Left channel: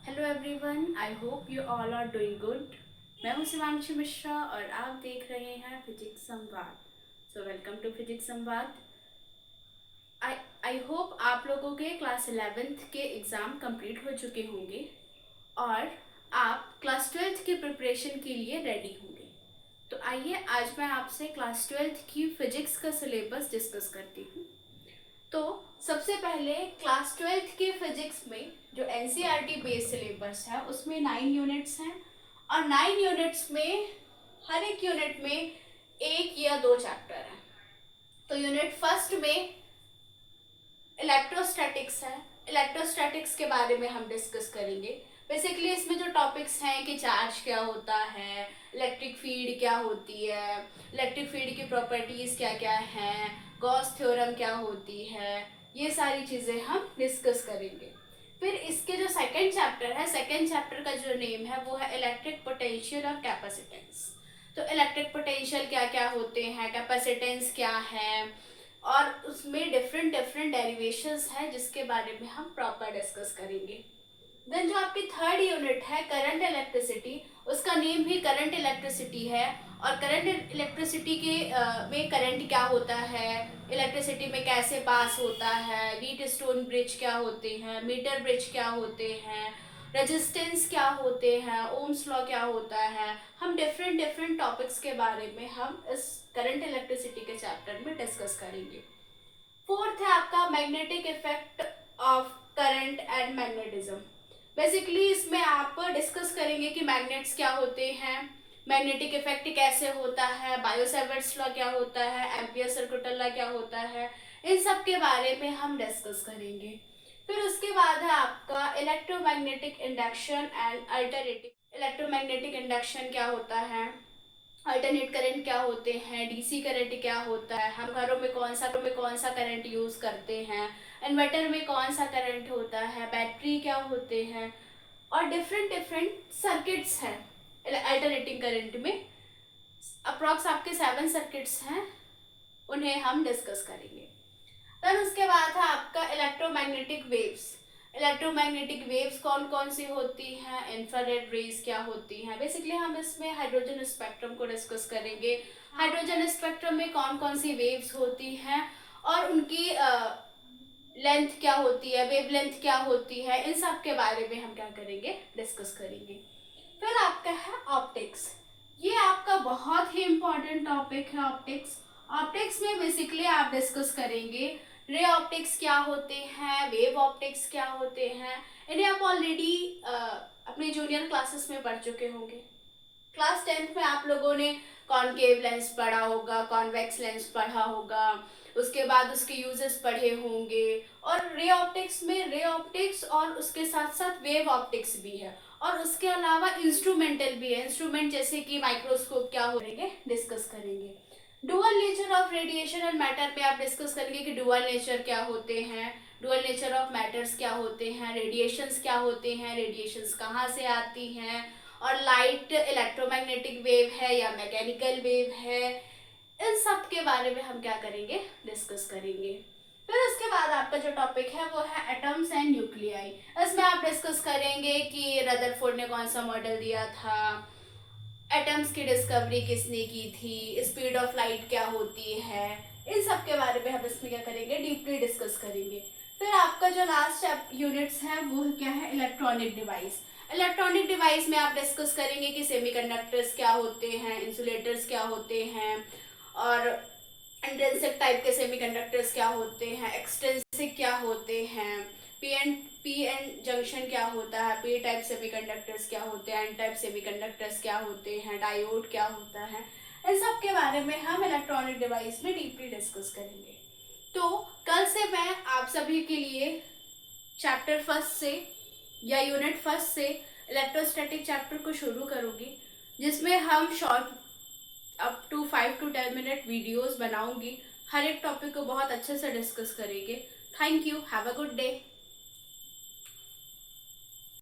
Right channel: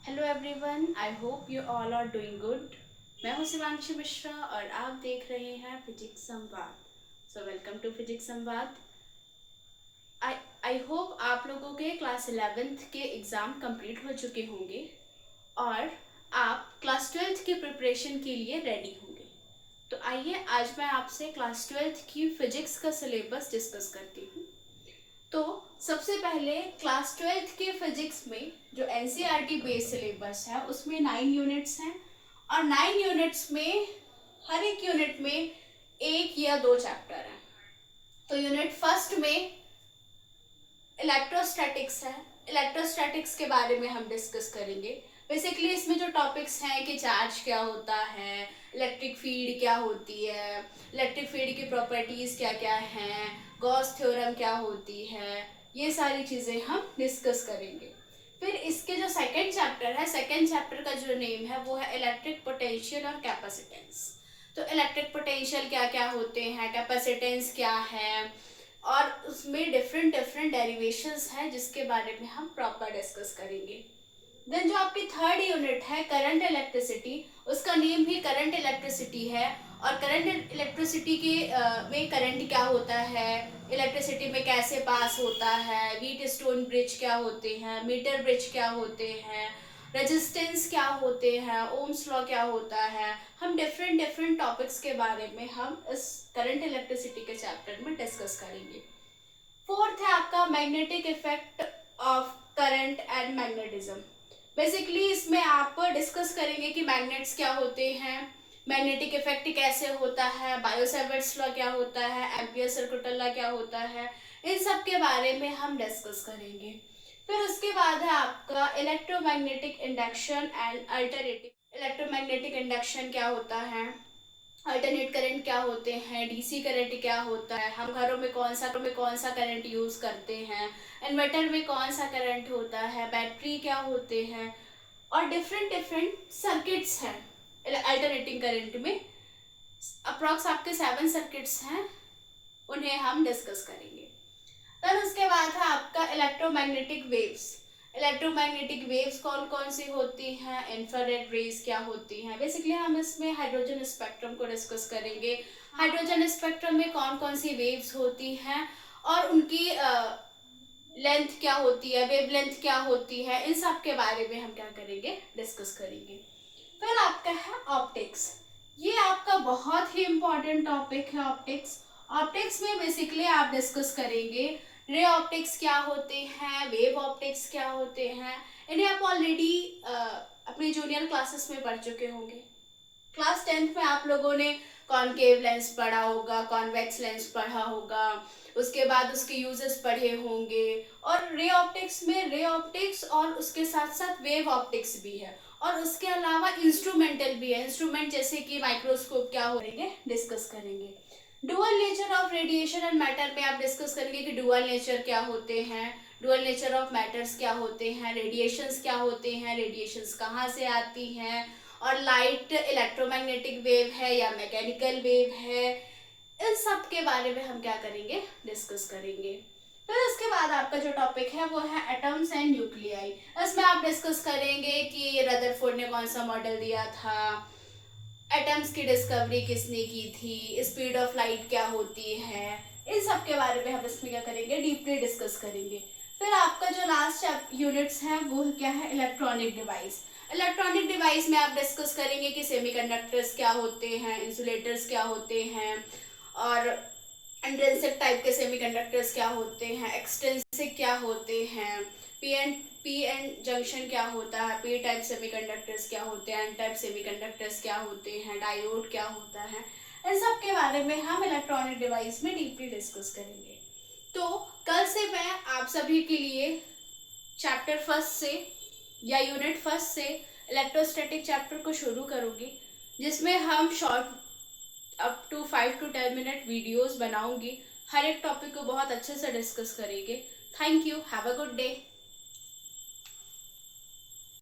Hello everyone, I hope you all are doing good. मैं हूं शिवांशी मिश्रा और आप देख रहे हैं फिजिक्स संवाद। सो वेलकम टू फिजिक्स संवाद। आई आई होप आप लोगों के क्लास 11th के एग्ज़ाम कंप्लीट हो चुके होंगे और आप क्लास 12th की प्रिपरेशन के लिए रेडी होंगे। तो आइए आज मैं आपसे क्लास 12th की फिजिक्स का सिलेबस डिस्कस करती हूँ। तो सबसे पहले क्लास 12th के फिजिक्स में जो एनसीईआरटी बेस्ड सिलेबस है उसमें 9 यूनिट्स हैं और 9 यूनिट्स में हर एक यूनिट में एक या दो चैप्टर हैं। तो यूनिट फर्स्ट में इलेक्ट्रोस्टैटिक्स है। इलेक्ट्रोस्टैटिक्स के बारे में हम डिस्कस करेंगे। बेसिकली इसमें जो टॉपिक्स हैं कि चार्ज क्या होता है, इलेक्ट्रिक फील्ड क्या होती है, इलेक्ट्रिक फील्ड की प्रॉपर्टीज क्या क्या हैं, गॉस थ्योरम क्या होती है, ये सारी चीज़ें हम डिस्कस करेंगे। फिर इसके जो सेकंड चैप्टर है, सेकंड चैप्टर का जो नेम है वो है इलेक्ट्रिक पोटेंशियल और कैपेसिटेंस। तो इलेक्ट्रिक पोटेंशियल क्या क्या होते हैं, कैपेसिटेंस क्या है, और उसमें डिफरेंट डिफरेंट डेरिवेशंस हैं जिसके बारे में हम प्रॉपर डिस्कस करेंगे। देन जो आपकी थर्ड यूनिट है करंट इलेक्ट्रिसिटी, उसका नेम भी करंट इलेक्ट्रिसिटी है। और करंट इलेक्ट्रिसिटी के में करंट क्या होता है, इलेक्ट्रिसिटी में कैसे पास होता है, व्हीट स्टोन ब्रिज क्या होते हैं, मीटर ब्रिज क्या होते हैं, रेजिस्टेंस क्या होते हैं, ओम्स लॉ क्या होता है, हम डिफरेंट डिफरेंट टॉपिक्स के बारे में हम इस करंट इलेक्ट्रिसिटी के चैप्टर में डिस्कस करेंगे। फोर्थ है आपका magnetic effect of current and magnetism. Basically इसमें आप डिस्कस करेंगे कि मैग्नेट्स क्या होते हैं, मैग्नेटिक इफेक्ट कैसे होता है, बायो-सेवर्ट्स लॉ क्या होता है, एम्पियर सर्कुलर लॉ क्या होता है, इन सब के बारे में हम डिस्कस करेंगे। फिर उसके बाद है आपका electromagnetic induction and alternative. Electromagnetic induction क्या होता है, अल्टरनेट करंट क्या होते हैं, डीसी करंट क्या होता है, हम घरों में कौन सा करंट यूज करते हैं, इन्वर्टर में कौन सा करंट होता है, बैटरी क्या होते हैं, और डिफरेंट डिफरेंट सर्किट्स हैं अल्टरनेटिंग करंट में। अप्रॉक्स आपके 7 सर्किट्स हैं, उन्हें हम डिस्कस करेंगे। फिर उसके बाद है आपका इलेक्ट्रोमैग्नेटिक वेव्स। इलेक्ट्रोमैग्नेटिक वेव्स कौन कौन सी होती हैं, इंफ्रारेड रेज क्या होती हैं। बेसिकली हम इसमें हाइड्रोजन स्पेक्ट्रम को डिस्कस करेंगे। हाइड्रोजन स्पेक्ट्रम में कौन कौन सी वेव्स होती हैं और उनकी लेंथ क्या होती है, वेव लेंथ क्या होती है, इन सब के बारे में हम क्या करेंगे, डिस्कस करेंगे। फिर आपका है ऑप्टिक्स। ये आपका बहुत ही इंपॉर्टेंट टॉपिक है ऑप्टिक्स। ऑप्टिक्स में बेसिकली आप डिस्कस करेंगे रे ऑप्टिक्स क्या होते हैं, वेव ऑप्टिक्स क्या होते हैं। इन्हें आप ऑलरेडी अपने जूनियर क्लासेस में पढ़ चुके होंगे। क्लास 10th में आप लोगों ने कॉनकेव लेंस पढ़ा होगा, कॉन्वेक्स लेंस पढ़ा होगा, उसके बाद उसके यूजेस पढ़े होंगे। और रे ऑप्टिक्स में रे ऑप्टिक्स और उसके साथ साथ वेव ऑप्टिक्स भी है, और उसके अलावा इंस्ट्रूमेंटल भी है। इंस्ट्रूमेंट जैसे कि माइक्रोस्कोप क्या हो रहेंगे, डिस्कस करेंगे। Dual nature of radiation and matter पे आप डिस्कस करेंगे कि डुअल नेचर क्या होते हैं, डुअल नेचर ऑफ मैटर्स क्या होते हैं, रेडिएशंस क्या होते हैं, रेडिएशंस कहाँ से आती हैं, और लाइट इलेक्ट्रोमैग्नेटिक वेव है या मैकेनिकल वेव है, इन सब के बारे में हम क्या करेंगे, डिस्कस करेंगे। फिर उसके बाद आपका जो टॉपिक है वो है एटम्स एंड न्यूक्लियाई। इसमें आप डिस्कस करेंगे कि रदरफोर्ड ने कौन सा मॉडल दिया था, एटम्स की डिस्कवरी किसने की थी, स्पीड ऑफ लाइट क्या होती है, इन सब के बारे में हम इसमें क्या करेंगे, डीपली डिस्कस करेंगे। फिर आपका जो लास्ट यूनिट्स है वो क्या है, इलेक्ट्रॉनिक डिवाइस। इलेक्ट्रॉनिक डिवाइस में आप डिस्कस करेंगे कि सेमीकंडक्टर्स क्या होते हैं, इंसुलेटर्स क्या होते हैं, और इंट्रिंसिक टाइप के सेमीकंडक्टर्स क्या होते हैं, एक्सट्रिंसिक क्या होते हैं, पी एन जंक्शन क्या होता है, पी टाइप सेमीकंडक्टर्स क्या होते हैं, एन टाइप सेमीकंडक्टर्स क्या होते हैं, डायोड क्या होता है, इन सब के बारे में हम इलेक्ट्रॉनिक डिवाइस में डीपली डिस्कस करेंगे। तो कल से मैं आप सभी के लिए चैप्टर फर्स्ट से या यूनिट फर्स्ट से इलेक्ट्रोस्टैटिक चैप्टर को शुरू करूँगी, जिसमें हम short up to 5 to 10 minute videos बनाऊंगी। हर एक टॉपिक को बहुत अच्छे से डिस्कस करेंगे। Thank you, have a good day.